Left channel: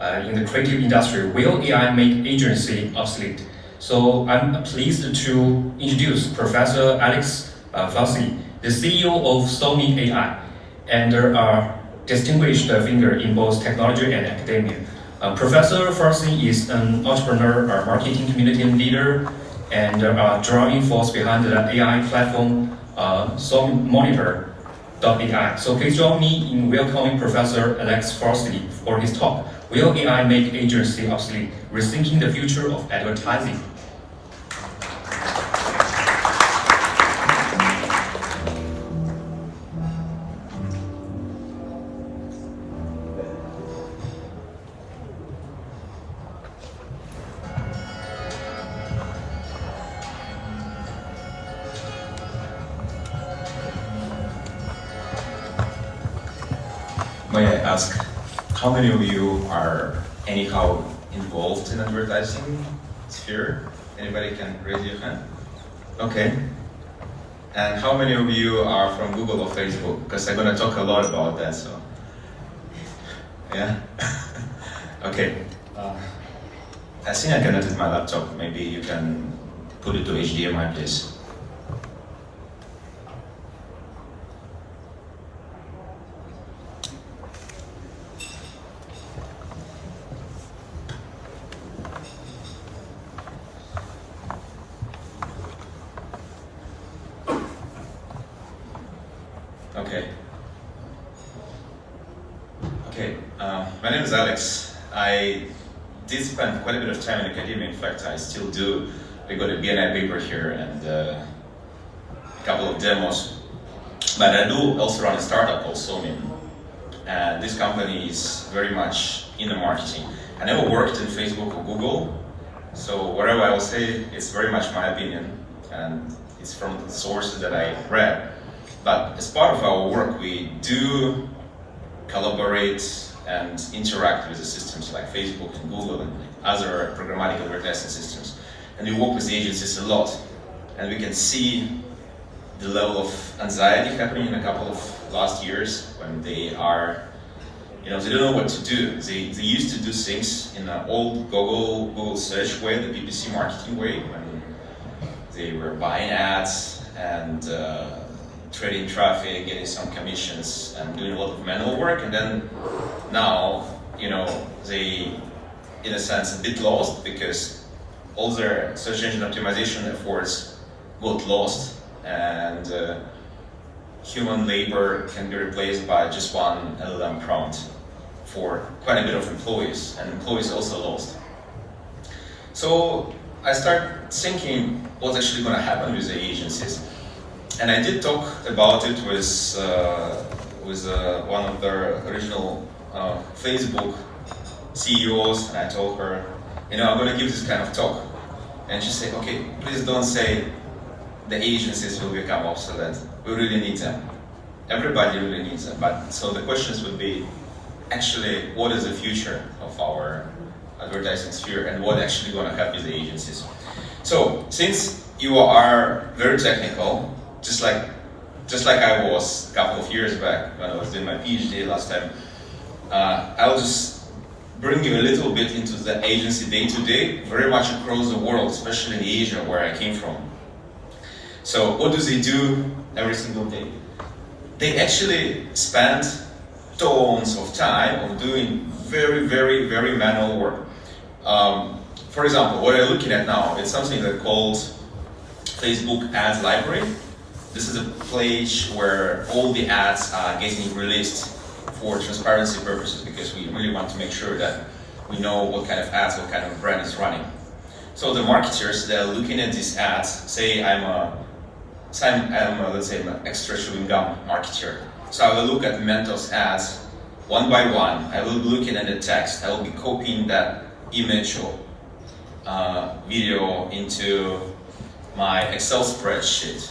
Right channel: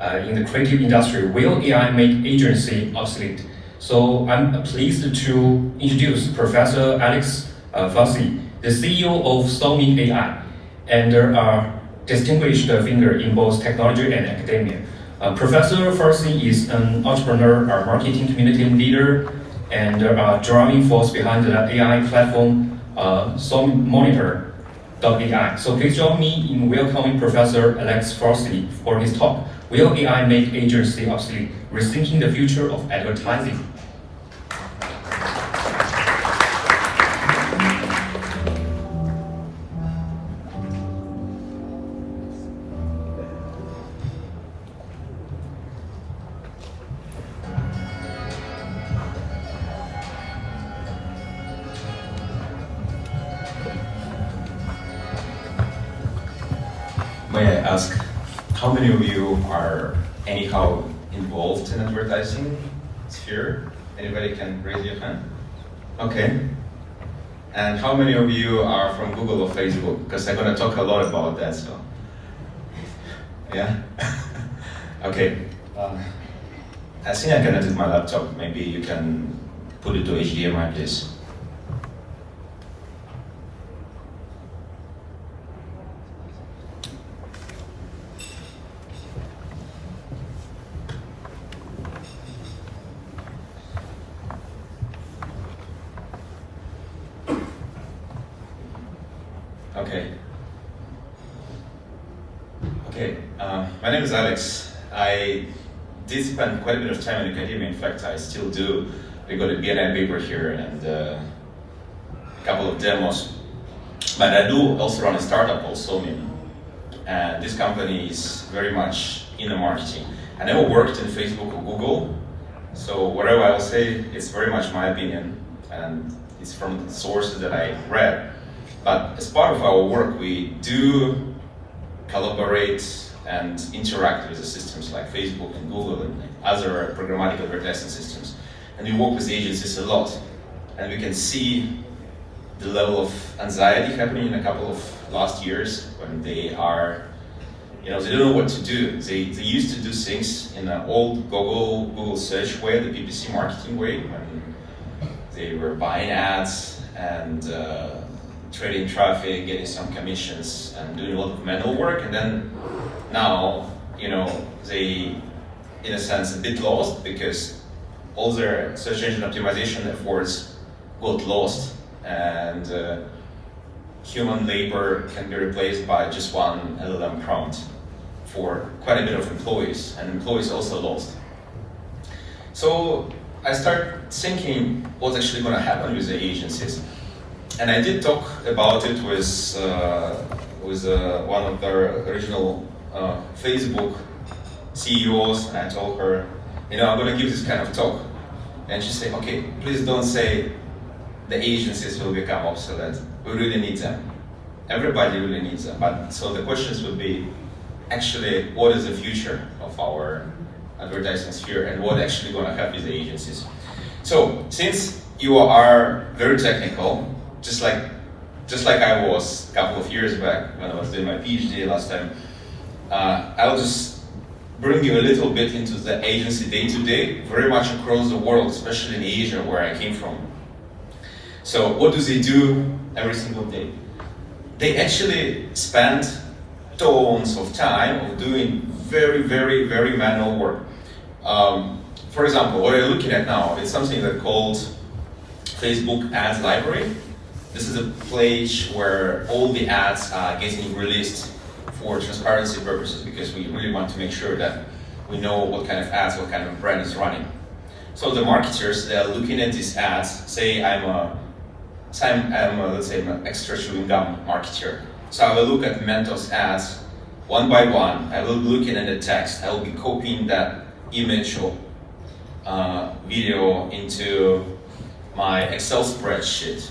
in the creative industry, will AI make agency obsolete? So I'm pleased to introduce Professor Alex Fossey, the CEO of Sony AI, and a distinguished figure in both technology and academia. Professor Fossey is an entrepreneur, a marketing community leader, and a driving force behind the AI platform Sony Monitor.ai. So please join me in welcoming Professor Alex Fossey for his talk, Will AI Make Agency Obsolete? Rethinking the Future of Advertising. May I ask, how many of you are anyhow involved in advertising sphere? Anybody can raise your hand? Okay. And how many of you are from Google or Facebook? Because I'm going to talk a lot about that, so. Yeah? Okay. I think I connected my laptop. Maybe you can put it to HDMI, please. Okay, my name is Alex. I did spend quite a bit of time in academia. In fact, I still do. We got a BNI paper here and a couple of demos. But I do also run a startup called Sony. And this company is very much in the marketing. I never worked in Facebook or Google, so whatever I will say, it's very much my opinion. And it's from the sources that I read. But as part of our work, we do collaborate and interact with the systems like Facebook and Google and other programmatic advertising systems. And we work with agencies a lot. And we can see the level of anxiety happening in a couple of last years when they are, they don't know what to do. They used to do things in an old Google search way, the PPC marketing way, when they were buying ads and trading traffic, getting some commissions, and doing a lot of manual work. And then now, they, in a sense, a bit lost because all their search engine optimization efforts got lost, and human labor can be replaced by just one LLM prompt for quite a bit of employees, and employees also lost. So I started thinking what's actually going to happen with the agencies. And I did talk about it with one of the original Facebook CEOs, and I told her, I'm going to give this kind of talk. And she said, okay, please don't say the agencies will become obsolete. We really need them. Everybody really needs them. But so the questions would be, actually, what is the future of our advertising sphere, and what actually going to happen with the agencies? So since you are very technical, just like I was a couple of years back when I was doing my PhD last time, I'll just bring you a little bit into the agency day-to-day, very much across the world, especially in Asia, where I came from. So what do they do every single day? They actually spend tons of time on doing very, very, very manual work. For example, what I'm looking at now, it's something that's called Facebook Ads Library. This is a page where all the ads are getting released for transparency purposes, because we really want to make sure that we know what kind of ads, what kind of brand is running. So the marketers, they're looking at these ads. Say I'm let's say I'm an extra chewing gum marketer. So I will look at Mentos ads one by one. I will be looking at the text. I will be copying that image or video into my Excel spreadsheet.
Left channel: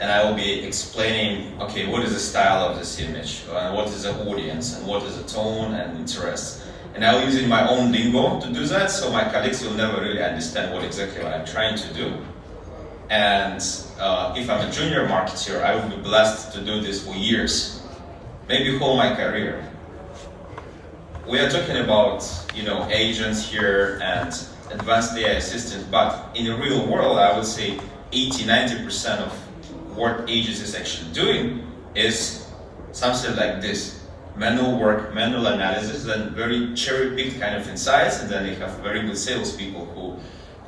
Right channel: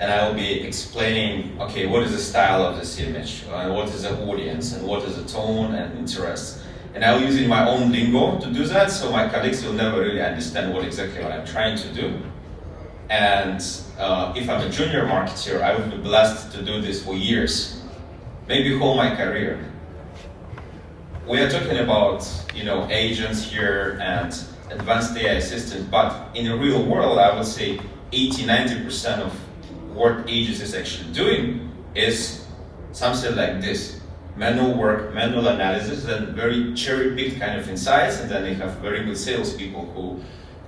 And I will be explaining, okay, what is the style of this image, what is the audience, and what is the tone and interest. And I'll use my own lingo to do that, so my colleagues will never really understand what I'm trying to do. And if I'm a junior marketer, I would be blessed to do this for years, maybe whole my career. we are talking about, agents here and advanced AI assistants, but in the real world, I would say 80-90% of what agents is actually doing is something like this: manual work, manual analysis, and very cherry-picked kind of insights, and then you have very good salespeople who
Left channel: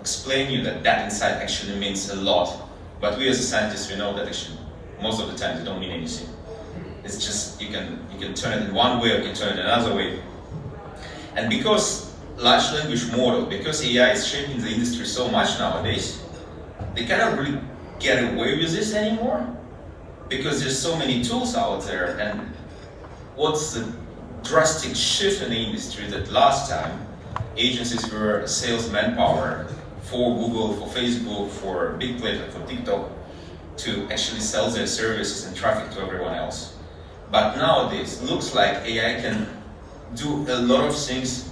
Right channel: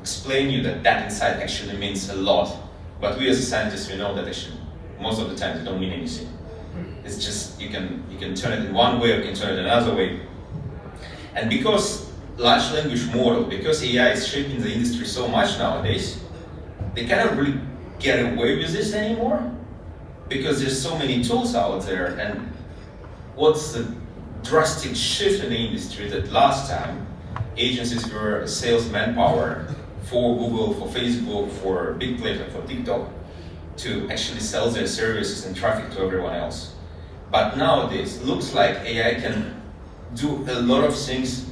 explain you that that insight actually means a lot. But we as scientists, we know that actually most of the time they don't mean anything. It's just you can turn it in one way or you can turn it another way. And because large language model, because AI is shaping the industry so much nowadays, they cannot really get away with this anymore because there's so many tools out there. And what's the drastic shift in the industry that last time agencies were sales manpower for Google, for Facebook, for big players, for TikTok, to actually sell their services and traffic to everyone else. But nowadays, it looks like AI can do a lot of things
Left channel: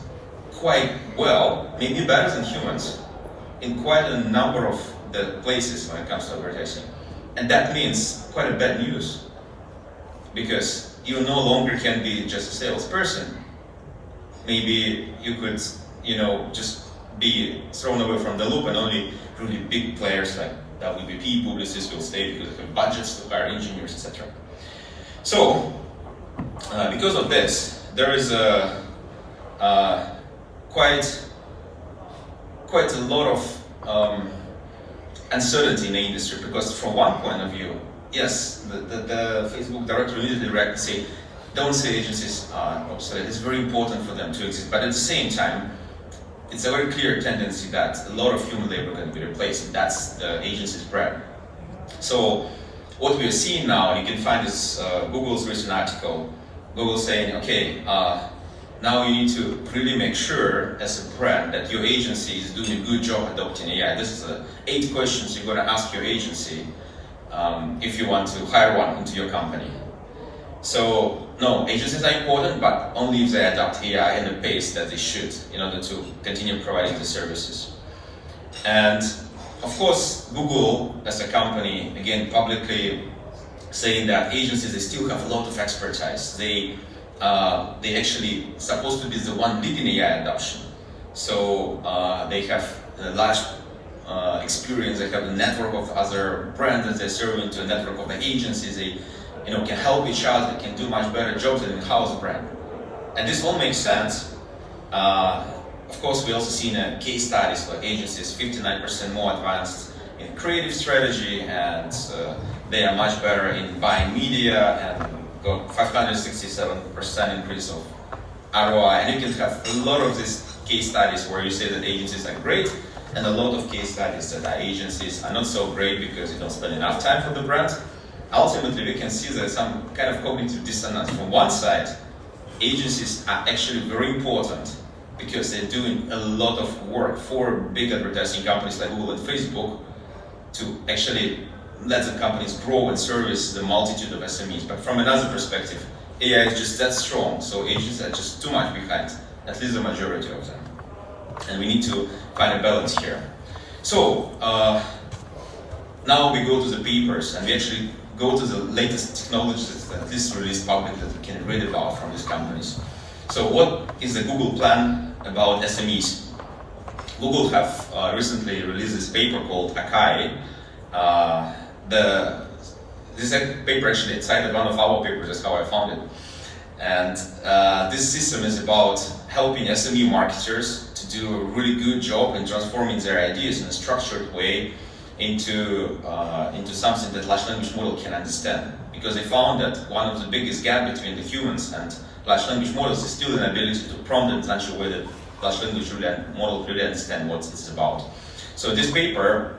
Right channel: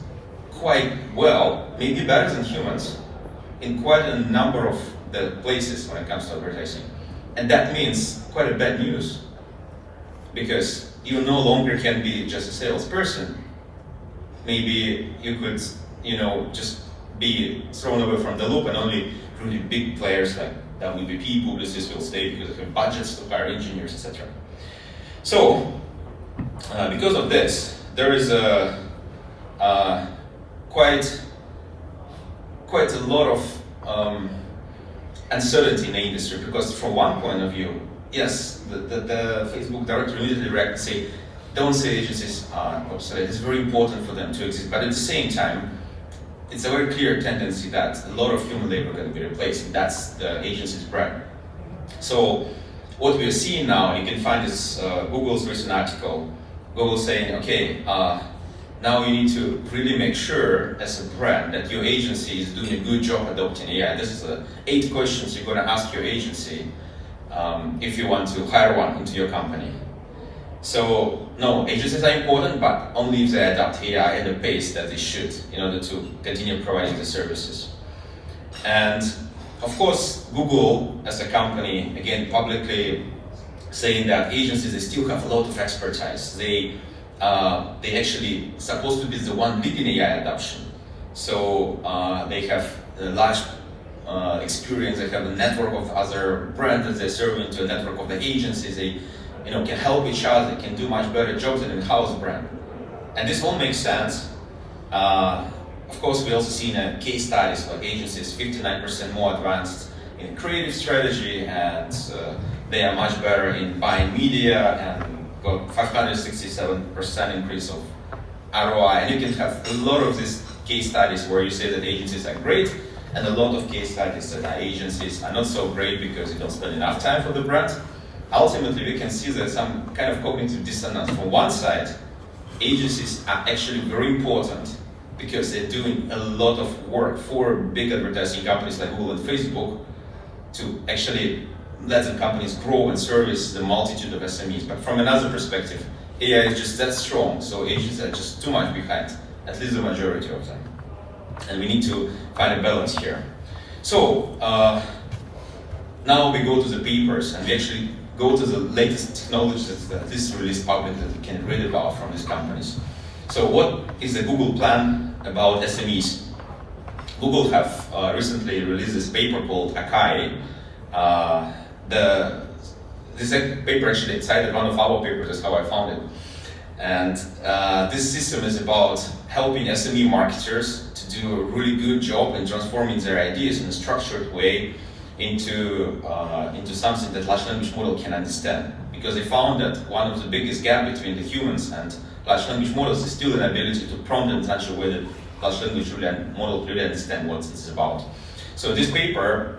quite well, maybe better than humans, in quite a number of the places when it comes to advertising. And that means quite a bad news, because you no longer can be just a salesperson. Maybe you could, just be thrown away from the loop, and only really big players like WPP, Publicis will stay because they have budgets to hire engineers, etc. So, because of this, there is quite a lot of uncertainty in the industry, because from one point of view, yes, the Facebook director immediately reacted and say, don't say agencies are obsolete, it's very important for them to exist, but at the same time, it's a very clear tendency that a lot of human labor can be replaced, and that's the agency's brand. So what we are seeing now, you can find this Google's recent article, Google saying, okay, now you need to really make sure as a brand that your agency is doing a good job adopting AI. This is the 8 questions you're going to ask your agency if you want to hire one into your company. So, no, agencies are important, but only if they adopt AI at the pace that they should in order to continue providing the services. And of course, Google as a company, again, publicly saying that agencies, they still have a lot of expertise. They actually supposed to be the one leading AI adoption. So they have a large experience, they have a network of other brands that they're serving to a network of the agencies. They can help each other, they can do much better jobs than in-house brand. And this all makes sense. Of course, we also seen case studies like agencies 59% more advanced in creative strategy, and they are much better in buying media, and got 567% increase of ROI. And you can have a lot of these case studies where you say that agencies are great, and a lot of case studies that agencies are not so great because you don't spend enough time for the brand. Ultimately, we can see that some kind of cognitive dissonance. From one side, agencies are actually very important because they're doing a lot of work for big advertising companies like Google and Facebook to actually let the companies grow and service the multitude of SMEs. But from another perspective, AI is just that strong, so agencies are just too much behind, at least the majority of them. And we need to find a balance here. So, now we go to the papers, and we actually go to the latest technologies that this released public that we can read about from these companies. So what is the Google plan about SMEs? Google have recently released this paper called ACAI. This paper actually cited one of our papers, that's how I found it. And this system is about helping SME marketers to do a really good job in transforming their ideas in a structured way into something that large language model can understand. Because they found that one of the biggest gaps between the humans and large language models is still an ability to prompt in such a way that large language model really understand what it's about. So this paper,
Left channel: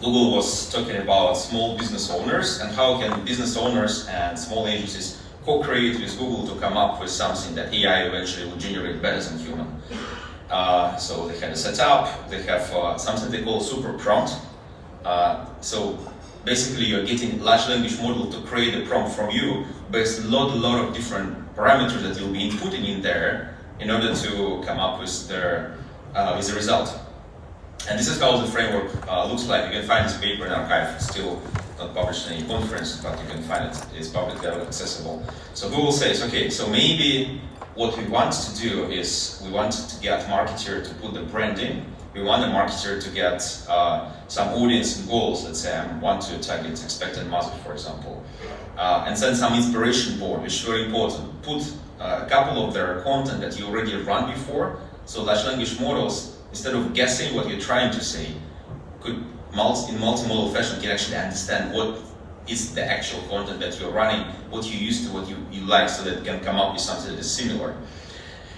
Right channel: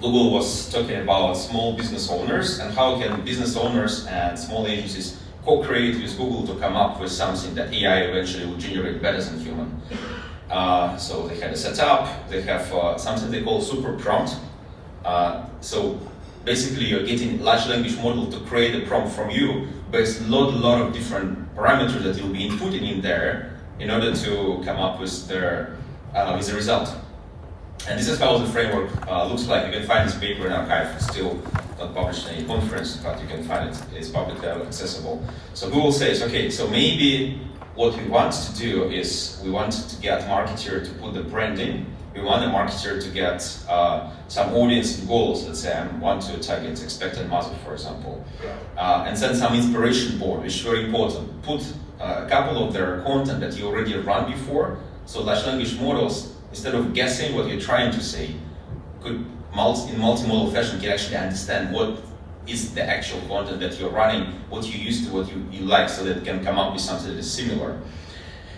Google was talking about small business owners and how can business owners and small agencies co-create with Google to come up with something that AI eventually will generate better than human. So they had a setup, they have something they call super prompt. So basically you're getting large language model to create a prompt from you based on a lot of different parameters that you'll be inputting in there in order to come up with the result. And this is how the framework looks like. You can find this paper in archive. It's still not published in any conference, but you can find it. It's publicly accessible. So Google says, okay, so maybe what we want to do is we want to get marketer to put the branding. We want the marketer to get some audience and goals. Let's say I want to target expectant mother, for example, and send some inspiration board, which is very important. Put a couple of their content that you already run before, so large language models, instead of guessing what you're trying to say, could in multimodal fashion can actually understand what is the actual content that you're running, what you used to, what you like, so that it can come up with something that is similar.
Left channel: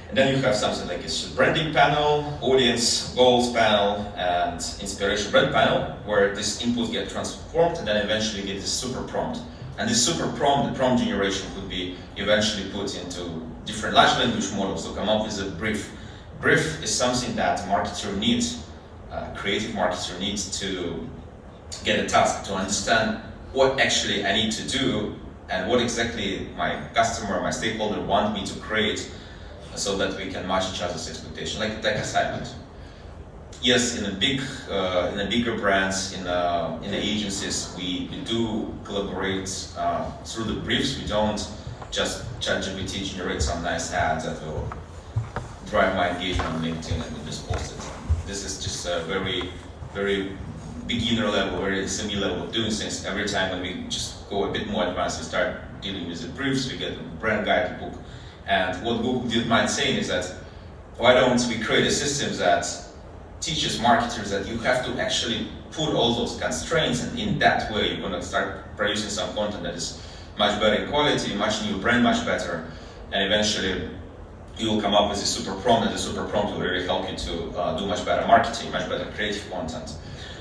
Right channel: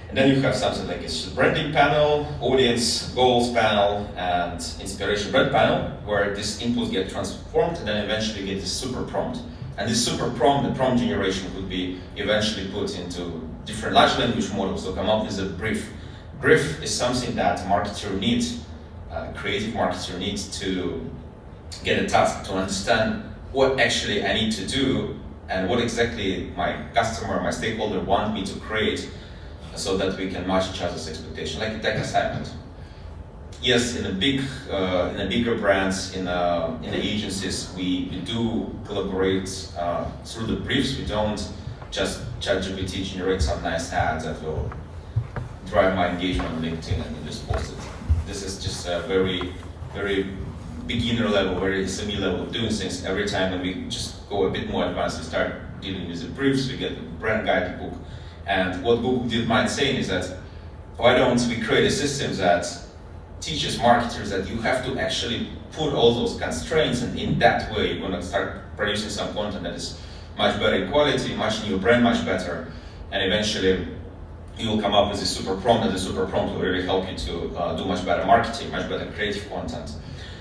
And then you have something like a branding panel, audience goals panel, and inspiration brand panel, where these inputs get transformed and then eventually get this super prompt. And this super prompt, the prompt generation, could be eventually put into different large language models to come up with a brief. Brief is something that a marketer needs, a creative marketer needs to get a task, to understand what actually I need to do and what exactly my customer, my stakeholder want me to create, so that we can match each other's expectation, like a tech assignment. Yes, in the bigger brands, in the agencies, we do collaborate through the briefs. We don't just ChatGPT generate some nice ads that will drive my engagement on LinkedIn and just post it. This is just a very, very beginner level, very SME level of doing things. Every time when we just go a bit more advanced, we start dealing with the briefs, we get the brand guidebook. And what Google DeepMind saying is that, why don't we create a system that teaches marketers that you have to actually put all those constraints, and in that way you're going to start producing some content that is much better in quality, much new brand, much better, and eventually you will come up with a super prompt, and the super prompt will really help you to do much better marketing, much better creative content.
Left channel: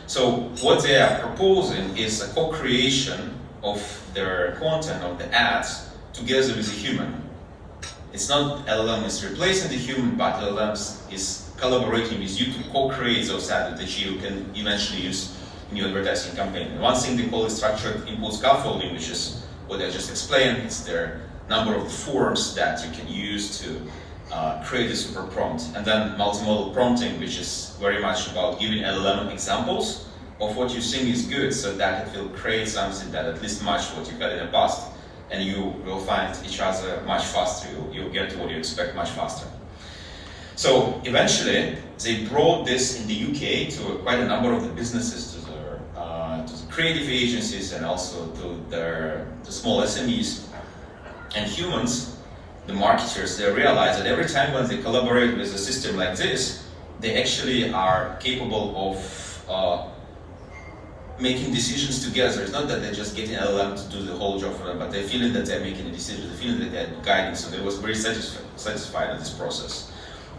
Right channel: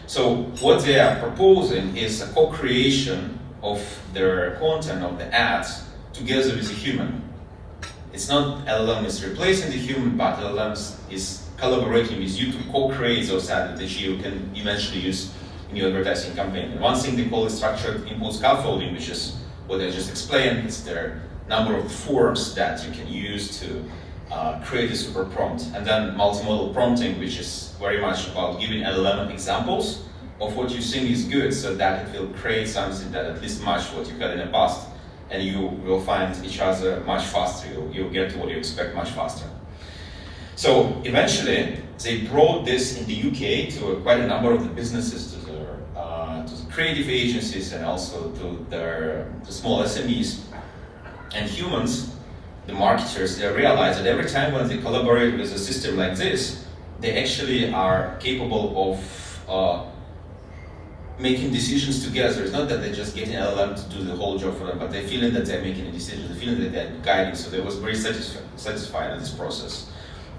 So what they are proposing is a co-creation of their content, of the ads, together with a human. It's not LLM is replacing the human, but LLM is collaborating with you to co-create those ads that you can eventually use in your advertising campaign. And one thing they call it structured input scaffolding, which is what I just explained. It's their number of forms that you can use to create a super prompt. And then multimodal prompting, which is very much about giving LLM examples of what you think is good, so that it will create something that at least match what you had in the past. And you will find each other much faster. You'll get to what you expect much faster. So eventually, they brought this in the UK to quite a number of the businesses, to the creative agencies, and also to small SMEs. And humans, the marketers, they realize that every time when they collaborate with a system like this, they actually are capable of making decisions together. It's not that they're just getting LLM to do the whole job for them, but they're feeling that they're making a decision, they're feeling that they're guiding. So they was very satisfied in this process.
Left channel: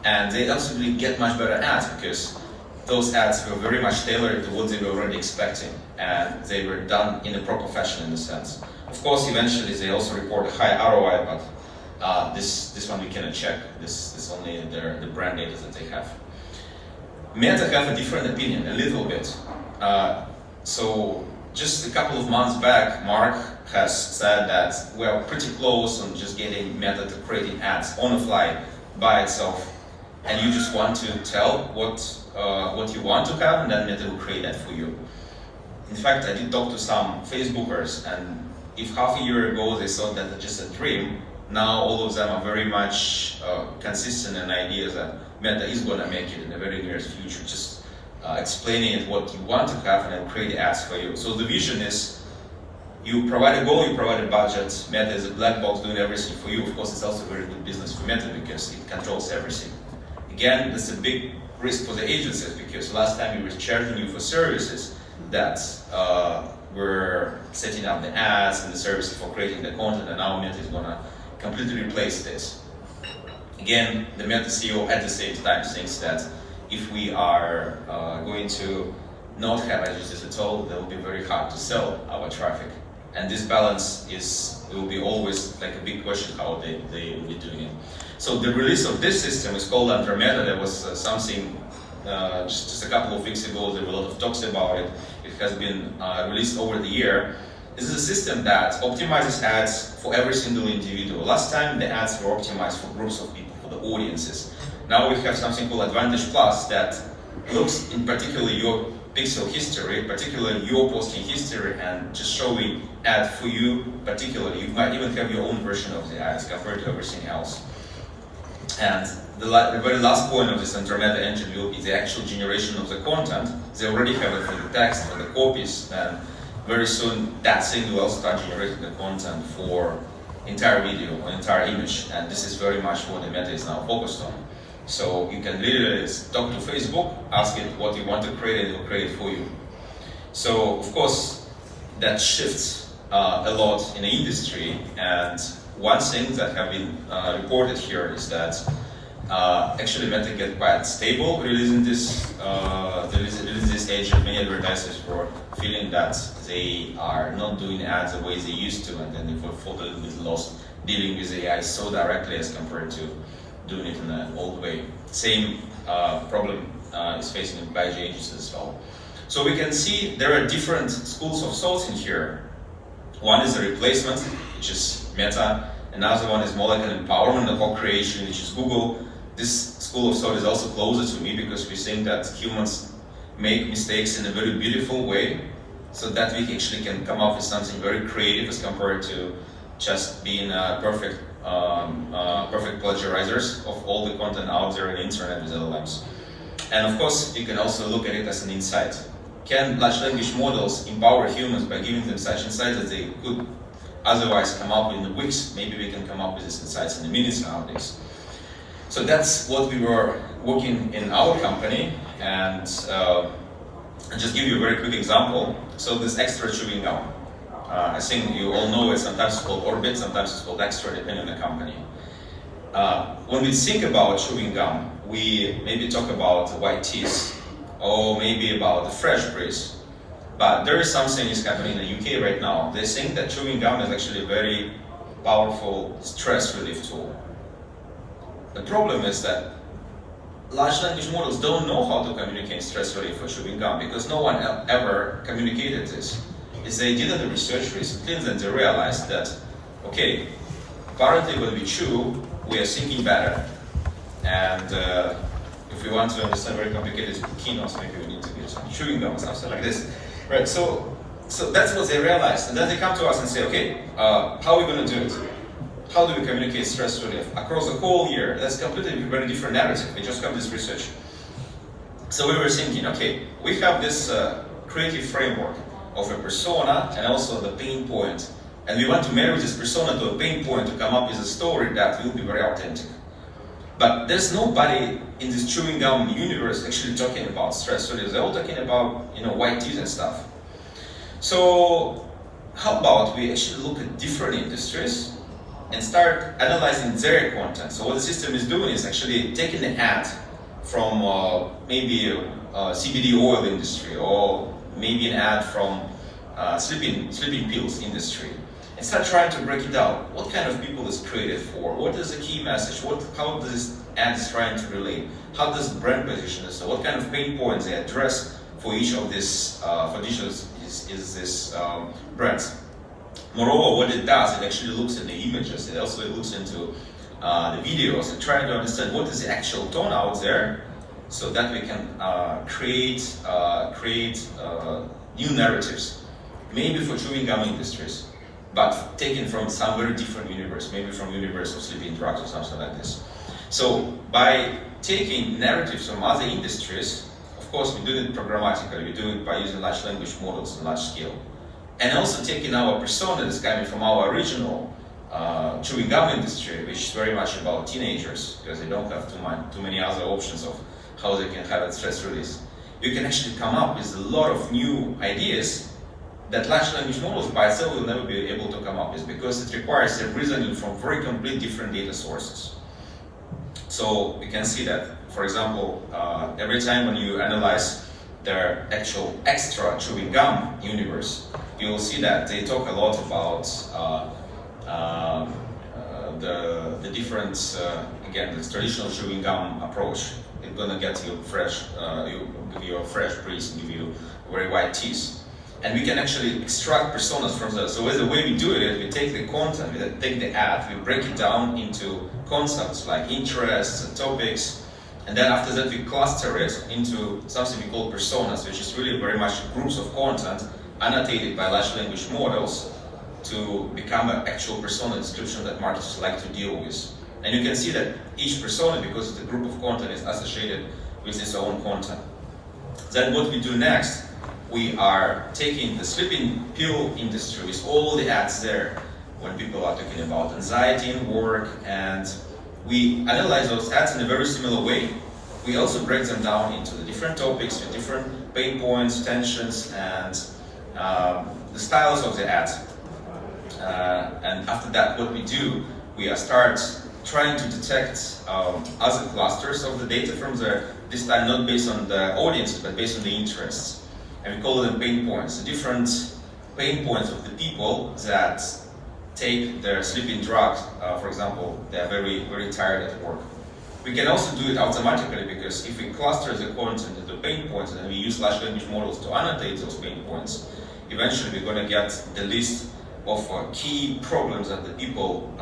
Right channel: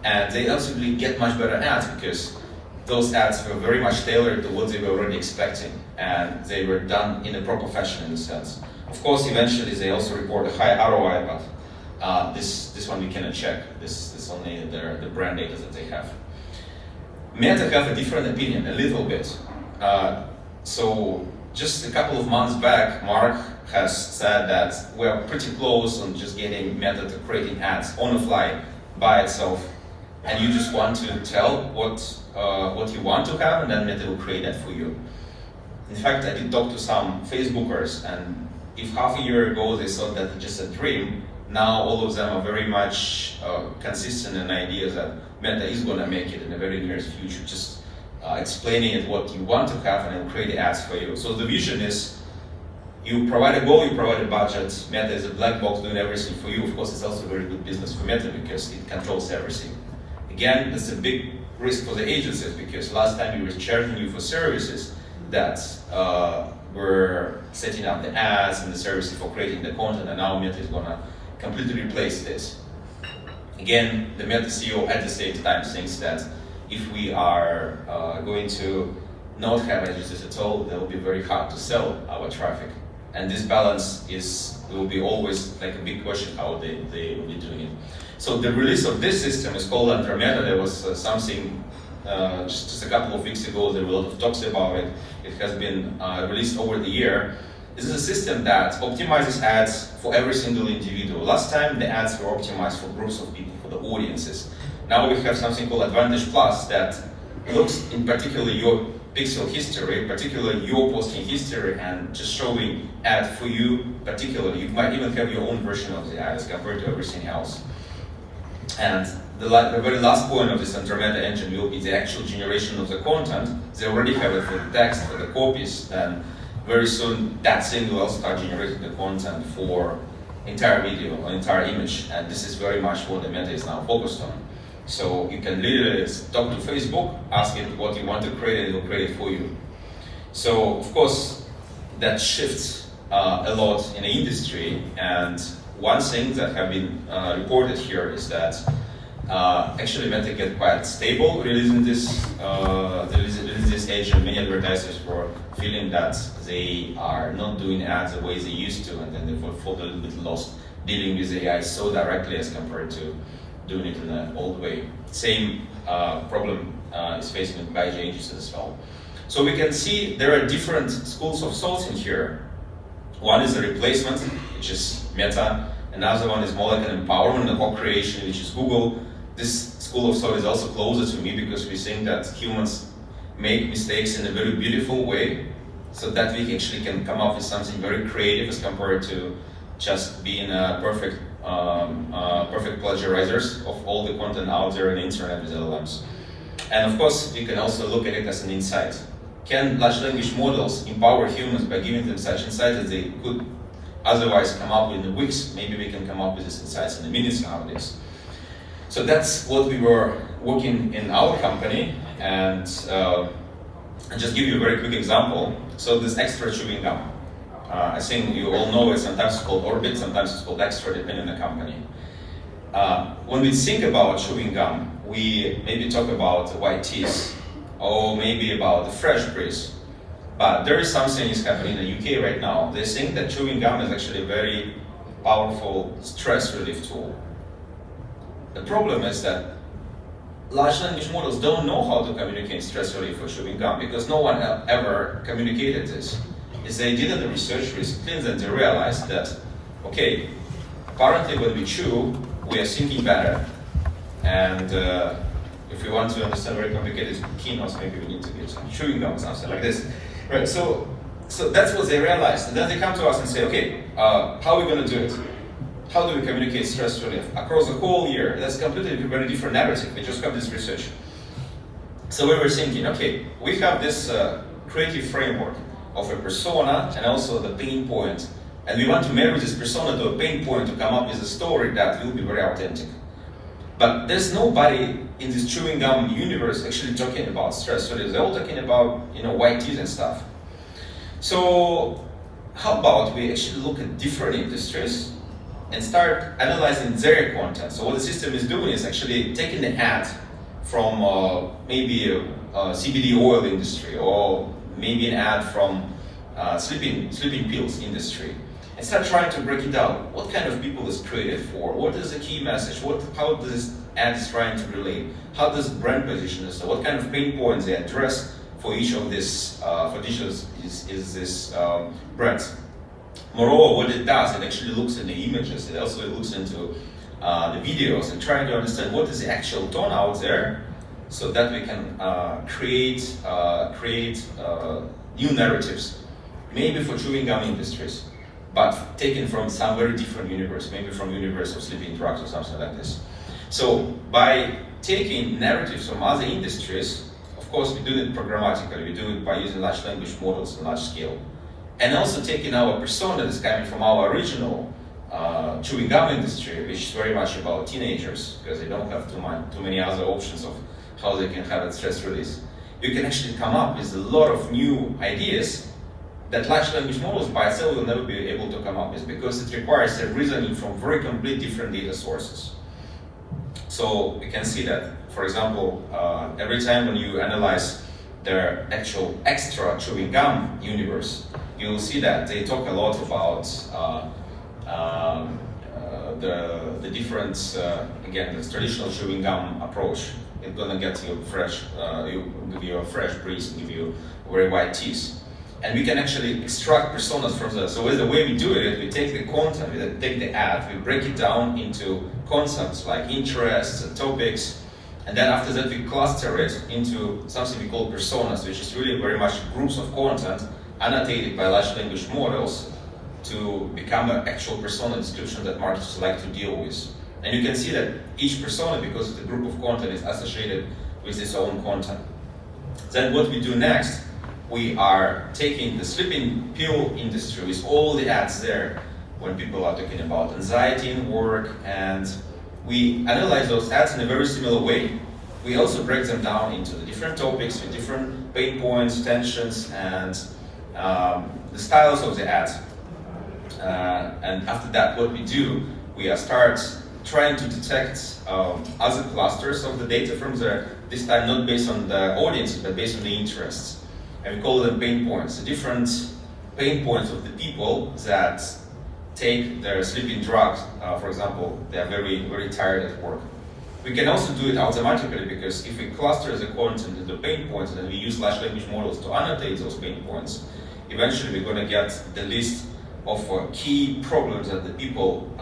And they also really get much better ads, because those ads were very much tailored to what they were already expecting, and they were done in a proper fashion, in a sense. Of course, eventually they also report a high ROI, but this one we cannot check. This is only the brand data that they have. Meta have a different opinion, a little bit. So just a couple of months back, Mark has said that we're pretty close on just getting Meta to creating ads on the fly by itself, and you just want to tell what you want to have, and then Meta will create that for you. In fact, I did talk to some Facebookers, and if half a year ago they thought that it's just a dream, now all of them are very much consistent in ideas that Meta is going to make it in the very near future. Just explaining it what you want to have, and it will create the ads for you. So the vision is, you provide a goal, you provide a budget, Meta is a black box doing everything for you. Of course, it's also very good business for Meta because it controls everything. Again, that's a big risk for the agencies, because last time we were charging you for services that were setting up the ads and the services for creating the content, and now Meta is going to completely replace this. Again, the Meta CEO at the same time thinks that if we are going to not have agencies at all, it will be very hard to sell our traffic. And this balance will be always like a big question how they will be doing it. So the release of this system is called under Meta. There was something just a couple of weeks ago. There were a lot of talks about it. It has been released over the year. This is a system that optimizes ads for every single individual. Last time the ads were optimized for groups of people, for the audiences. Now we have something called Advantage Plus that looks in particular your pixel history, particularly your posting history, and just showing ad for you particularly. You might even have your own version of the ads compared to everything else. And the very last point of this Meta engine will be the actual generation of the content. They already have it for the text, for the copies, and very soon that thing will also start generating the content for entire video or entire image. And this is very much what the Meta is now focused on. So you can literally talk to Facebook, ask it what you want to create, and it will create it for you. So of course, that shifts a lot in the industry. And one thing that have been reported here is that actually Meta get quite stable releasing this agent. Many advertisers were feeling that they are not doing ads the way they used to, and then they felt a little bit lost dealing with AI so directly as compared to doing it in an old way. Same problem is facing by agencies as well. So we can see there are different schools of thoughts in here. One is the replacement, which is Meta. Another one is more like an empowerment and co-creation, which is Google. This school of thought is also closer to me because we think that humans make mistakes in a very beautiful way, so that we actually can come up with something very creative as compared to just being perfect plagiarizers of all the content out there in the internet with LLMs. And of course, you can also look at it as an insight. Can large language models empower humans by giving them such insights that they could otherwise come up with in weeks? Maybe we can come up with these insights in minutes nowadays. So that's what we were working in our company. And I'll just give you a very quick example. So this extra chewing gum. I think you all know it, sometimes it's called Orbit, sometimes it's called Extra, depending on the company. When we think about chewing gum, we maybe talk about white teeth, or maybe about the fresh breeze. But there is something is happening in the UK right now. They think that chewing gum is actually a very powerful stress relief tool. The problem is that large language models don't know how to communicate stress relief for chewing gum because no one ever communicated this. Is they did the research recently and they realized that, okay, apparently when we chew, we are thinking better. And if we want to understand very complicated keynotes, maybe we need to get some chewing gum or something like this. Right, so that's what they realized. And then they come to us and say, okay, how are we going to do it? How do we communicate stress relief? Across the whole year, that's completely very different narrative. We just have this research. So we were thinking, okay, we have this creative framework of a persona and also the pain point. And we want to marry this persona to a pain point to come up with a story that will be very authentic. But there's nobody in this chewing gum universe actually talking about stress relief. They're all talking about, white teeth and stuff. So how about we actually look at different industries and start analyzing their content. So what the system is doing is actually taking an ad from maybe a CBD oil industry, or maybe an ad from sleeping pills industry, and start trying to break it down. What kind of people is created for? What is the key message? How does this ad is trying to relate? How does the brand position this? So what kind of pain points they address for each of this brands? Moreover, what it does, it actually looks at the images. It also looks into the videos and trying to understand what is the actual tone out there, so that we can create new narratives, maybe for chewing gum industries, but taken from some very different universe, maybe from universe of sleeping drugs or something like this. So by taking narratives from other industries, of course we do it programmatically, we do it by using large language models on large scale. And also taking our persona that's coming from our original chewing gum industry, which is very much about teenagers, because they don't have too many other options of how they can have a stress release. You can actually come up with a lot of new ideas that large language models by itself will never be able to come up with, because it requires a reasoning from very complete different data sources. So we can see that, for example, every time when you analyze their actual extra chewing gum universe, you will see that they talk a lot about the different, again, this traditional chewing gum approach. It's gonna get you fresh, give you a fresh breeze and give you very white teeth. And we can actually extract personas from that. So the way we do it, we take the content, we take the ad, we break it down into concepts like interests and topics, and then after that we cluster it into something we call personas, which is really very much groups of content annotated by large language models to become an actual persona description that marketers like to deal with. And you can see that each persona, because the group of content is associated with its own content. Then what we do next, we are taking the sleeping pill industry with all the ads there when people are talking about anxiety in work, and we analyze those ads in a very similar way. We also break them down into the different topics with different pain points, tensions, and the styles of the ads. And after that, what we do, we start trying to detect other clusters of the data from there, this time not based on the audiences, but based on the interests. And we call them pain points, the different pain points of the people that take their sleeping drugs. For example, they are very, very tired at work. We can also do it automatically, because if we cluster the content into pain points and then we use large language models to annotate those pain points, eventually we're going to get the list of key problems that the people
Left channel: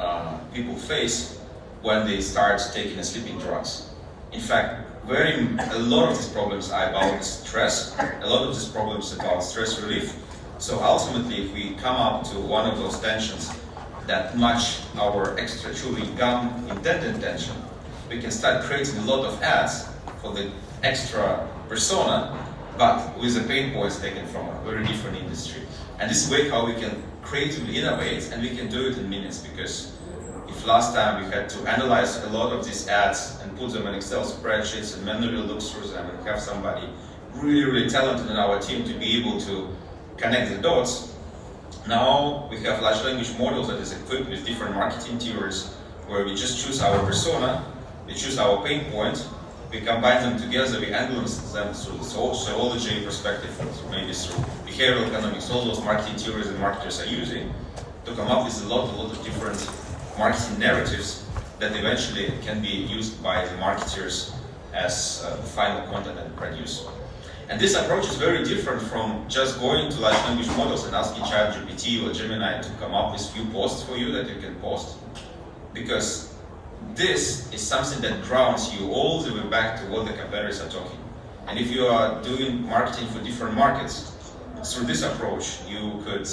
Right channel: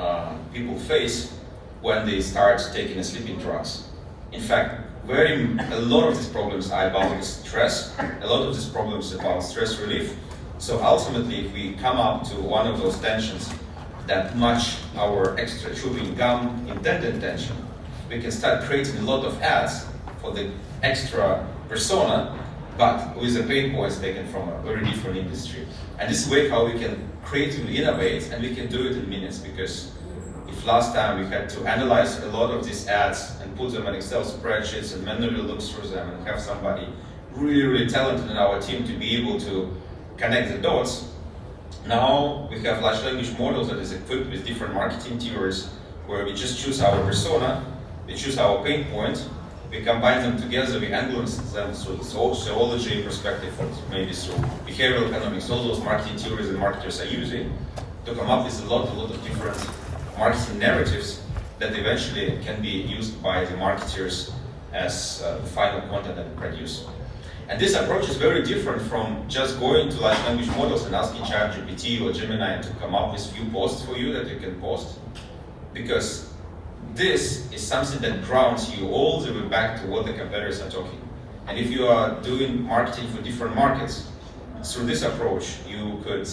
face when they start taking sleeping drugs. In fact, a lot of these problems are about stress, a lot of these problems about stress relief. So ultimately, if we come up to one of those tensions that match our extra chewing gum intended tension, we can start creating a lot of ads for the extra persona, but with the pain points taken from a very different industry. And this is way how we can creatively innovate, and we can do it in minutes, because if last time we had to analyze a lot of these ads and put them in Excel spreadsheets and manually look through them and have somebody really, really talented in our team to be able to connect the dots, now we have large language models that is equipped with different marketing theories, where we just choose our persona, we choose our pain point, we combine them together, we analyze them through the sociology perspective, maybe through behavioral economics, all those marketing theories that marketers are using, to come up with a lot of different marketing narratives that eventually can be used by the marketers as final content that they produce. And this approach is very different from just going to large language models and asking ChatGPT or Gemini to come up with few posts for you that you can post, because this is something that grounds you all the way back to what the competitors are talking. And if you are doing marketing for different markets, through this approach, you could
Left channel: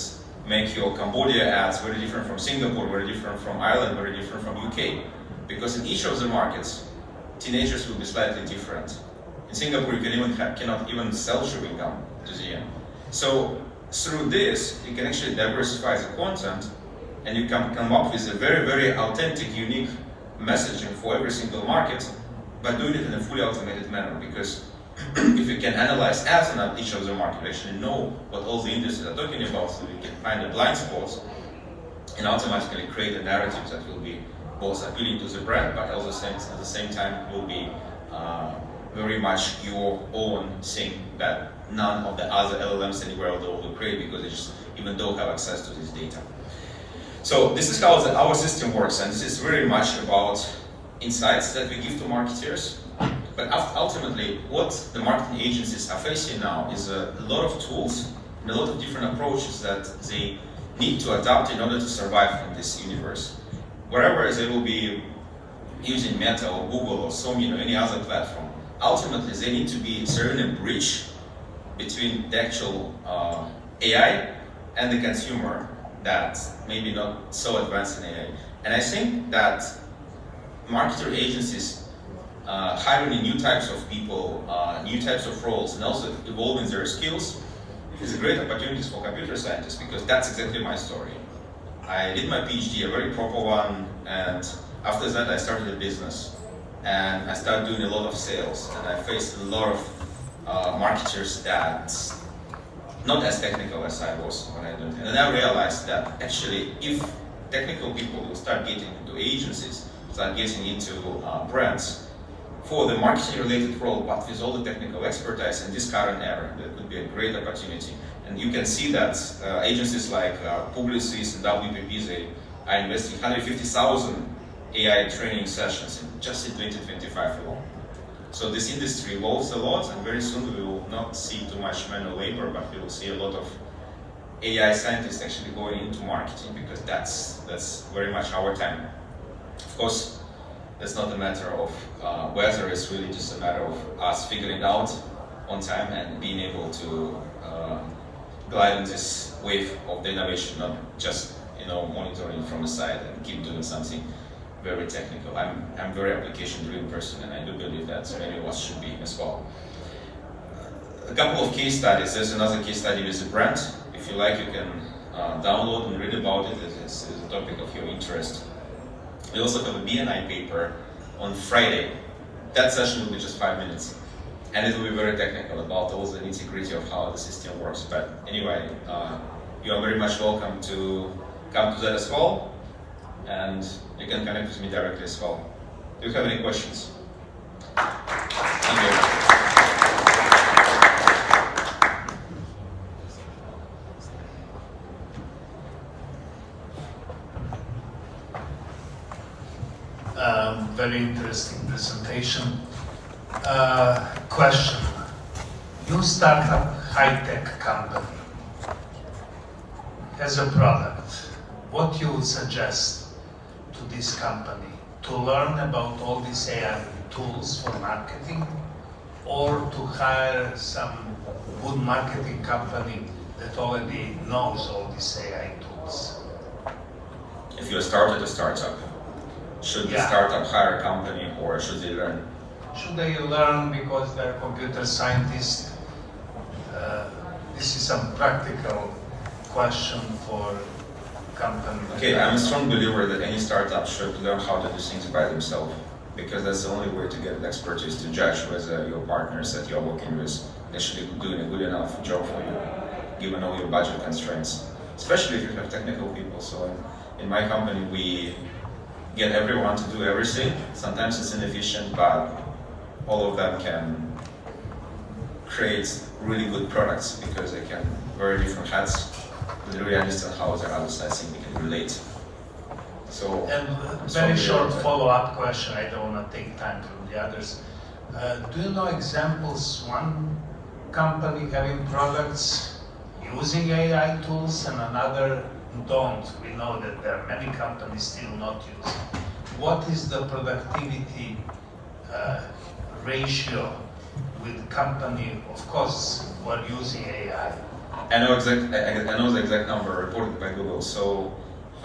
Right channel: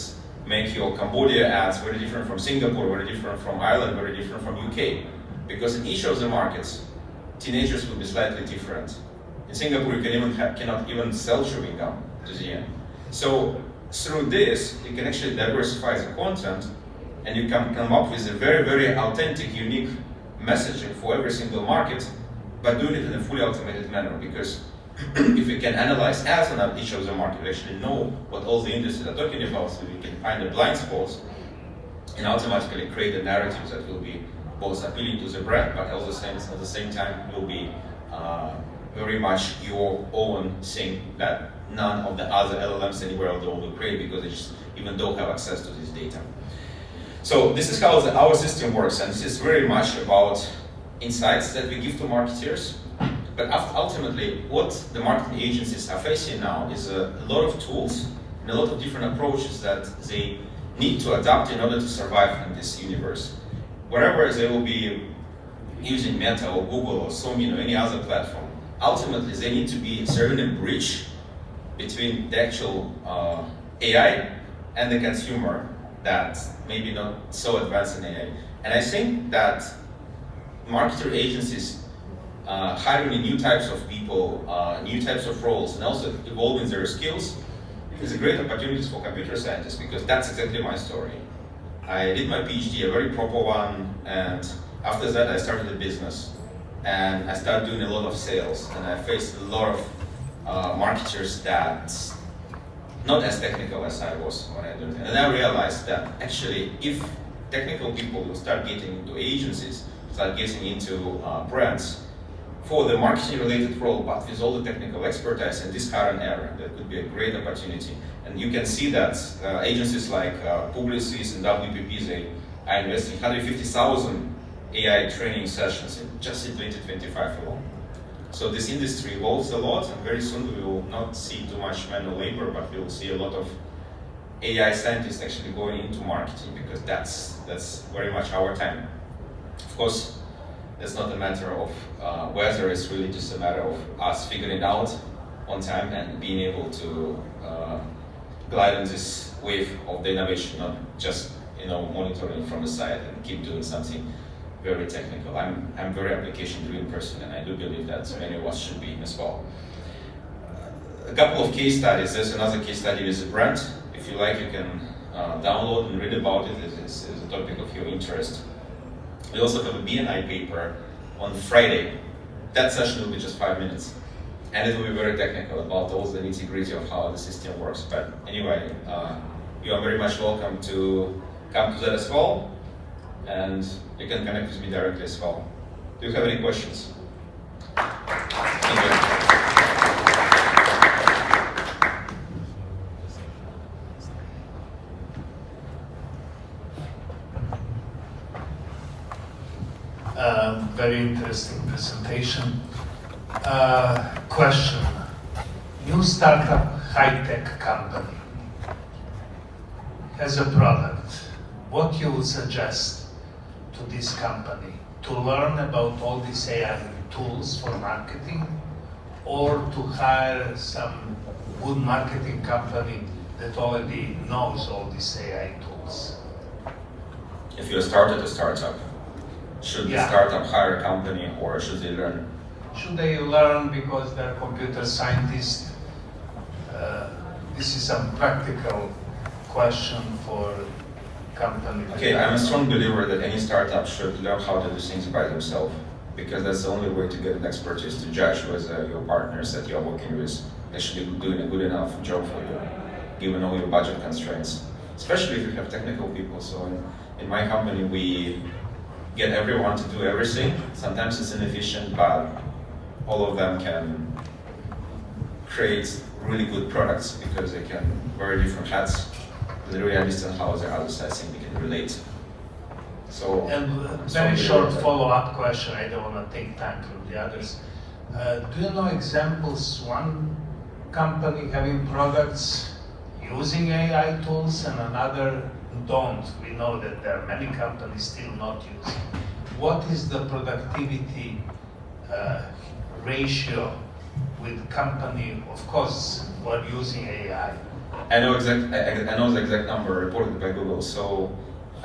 make your Cambodia ads very different from Singapore, very different from Ireland, very different from UK. Because in each of the markets, teenagers will be slightly different. In Singapore, you cannot even sell chewing gum to the end. So through this, you can actually diversify the content, and you can come up with a very, very authentic, unique messaging for every single market, but doing it in a fully automated manner. Because if we can analyze ads on each of the market, we actually know what all the industries are talking about, so we can find the blind spots and automatically create a narrative that will be both appealing to the brand, but also at the same time will be very much your own thing that none of the other LLMs anywhere in the world will create, because they just even don't have access to this data. So this is how our system works, and this is very much about insights that we give to marketers. But ultimately, what the marketing agencies are facing now is a lot of tools and a lot of different approaches that they need to adapt in order to survive in this universe. Wherever they will be using Meta or Google or Sony or any other platform, ultimately they need to be serving a bridge between the actual AI and the consumer that maybe not so advanced in AI. And I think that marketer agencies hiring new types of people, new types of roles, and also evolving their skills is a great opportunity for computer scientists, because that's exactly my story. I did my PhD, a very proper one, and after that I started a business. And I started doing a lot of sales, and I faced a lot of marketers that not as technical as I was when I did it. And I realized that actually, if technical people will start getting into agencies, start getting into brands for the marketing related role, but with all the technical expertise in this current era, that could be a great opportunity. And you can see that agencies like Publicis and WPP, they are investing 150,000 AI training sessions just in 2025 alone. So this industry evolves a lot, and very soon we will not see too much manual labor, but we will see a lot of AI scientists actually going into marketing, because that's very much our time. Of course, it's not a matter of whether, it's really just a matter of us figuring it out on time and being able to glide in this wave of the innovation, not just monitoring from the side and keep doing something very technical. I'm very application-driven person, and I do believe that many of us should be as well. A couple of case studies. There's another case study with a brand. If you like, you can download and read about it. It is a topic of your interest. We also have a BNI paper on Friday. That session will be just 5 minutes. And it will be very technical about all the nitty-gritty of how the system works. But anyway, you are very much welcome to come to that as well. And you can connect with me directly as well. Do you have any questions? Thank you. Very interesting presentation. Question. You start a high-tech company as a product. What you would suggest to this company? To learn about all these AI tools for marketing, or to hire some good marketing company that already knows all these AI tools? If you start at a startup, should the startup hire a company, or should they learn? Should they learn because they're computer scientists? This is a practical question for companies. Okay, I'm a strong believer that any startup should learn how to do things by themselves, because that's the only way to get expertise to judge whether your partners that you're working with actually doing a good enough job for you, given all your budget constraints, especially if you have technical people. So in my company, we get everyone to do everything. Sometimes it's inefficient, but all of them can create really good products because they can wear different hats. They really understand how the other side thing they can relate. So, and very short follow-up question. I don't want to take time from the others. Do you know examples? One company having products using AI tools and another don't. We know that there are many companies still not using. What is the productivity ratio with company, of course, who are using AI? I know the exact number reported by Google. So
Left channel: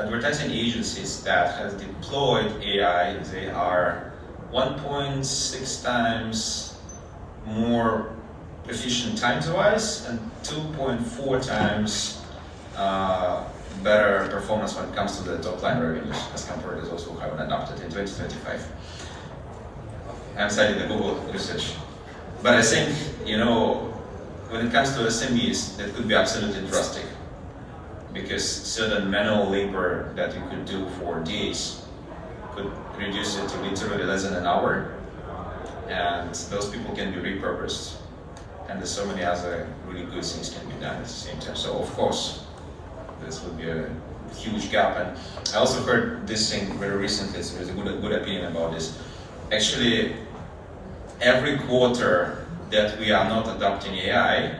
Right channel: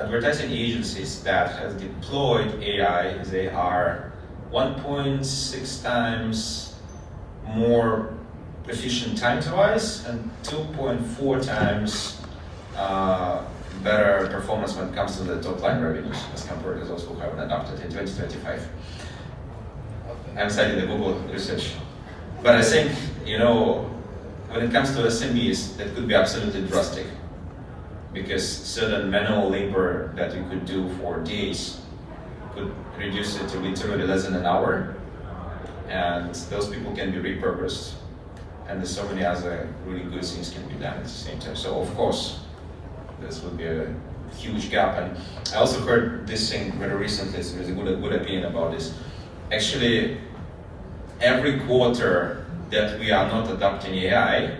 advertising agencies that have deployed AI, they are 1.6 times more efficient time-wise and 2.4 times better performance when it comes to the top-line revenues as compared to those who haven't adopted in 2025. I'm citing the Google research. But I think, when it comes to SMEs, that could be absolutely drastic, because certain manual labor that you could do for days could reduce it to literally less than an hour, and those people can be repurposed, and there's so many other really good things can be done at the same time. So of course, this would be a huge gap. And I also heard this thing very recently, so there's a good opinion about this. Actually, every quarter that we are not adopting AI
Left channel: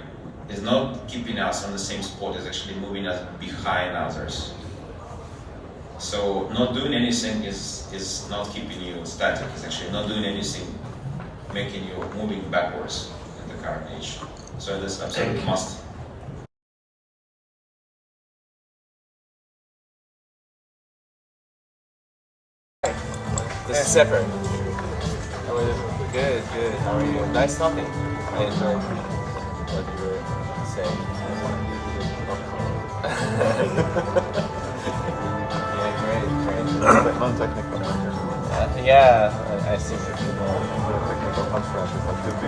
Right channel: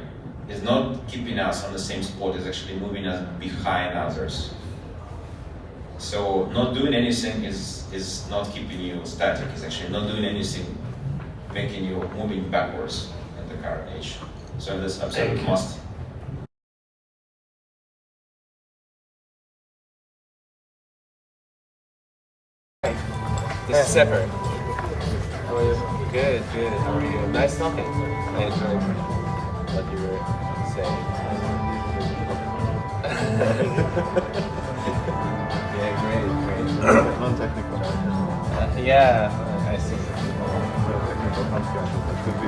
is not keeping us on the same spot, it's actually moving us behind others. So not doing anything is not keeping you static, it's actually not doing anything making you moving backwards in the current age. So that's absolutely must. This is separate. How are you? Good, good. How are you? Nice talking. I enjoyed what you were saying. Yeah, great. Non-technical. Yeah, I see. Technical conferences that should be